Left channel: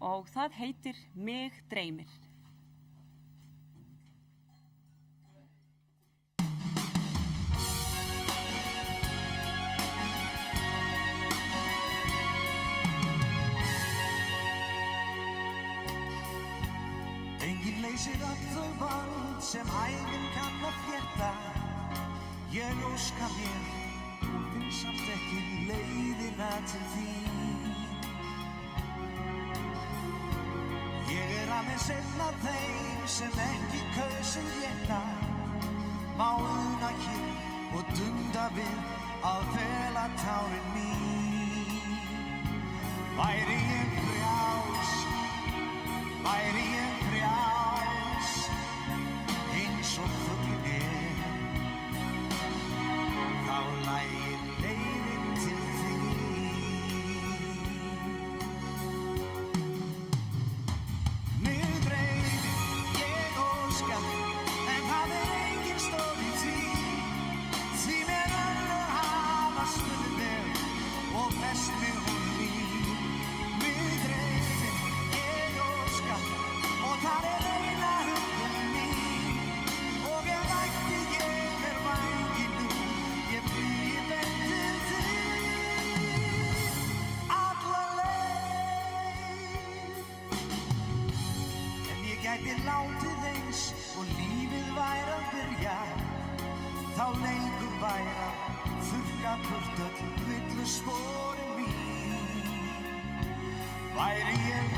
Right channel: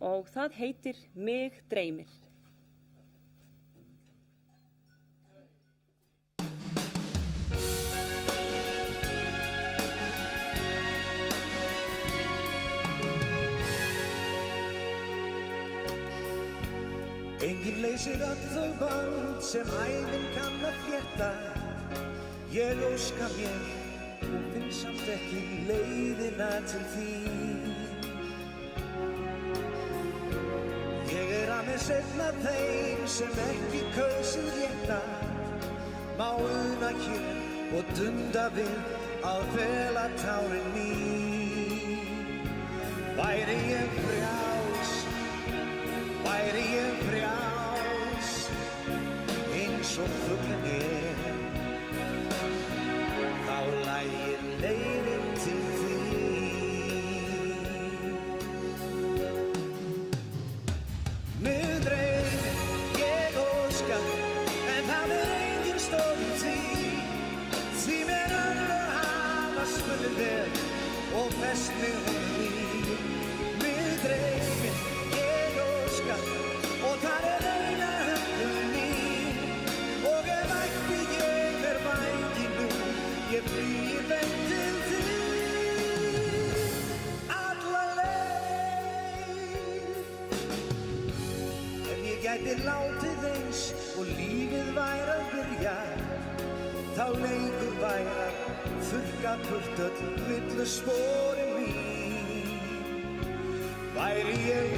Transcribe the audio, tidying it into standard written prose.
og það heitir Mig dreymir. Enginn leysir öll þau bönd sem ævin kann að flétta. Ég óska mér og finn samt ekki leiðina til þín. Ég aðeins einn af þeim sem ekki kausið rétta. Má una hér og dunda við að fela tárin mín. Væri ég frjáls, væri ég frjáls, eins og fuglinn er, þá lægi leiðin til þín. Mig dreymir, ég óska, en það engin stóð í því mér önnur hafa spunnið mér og fest mig honum í. Mig dreymir, og það eina huggun mín, og ef ætti ég mér vængi nú, ég flygi beint til þín alla leið. Ef ég gæti látið eins og lífið væri að byrja, þá lengur væri að þurrka burt öll villu sporin mín. Væri ég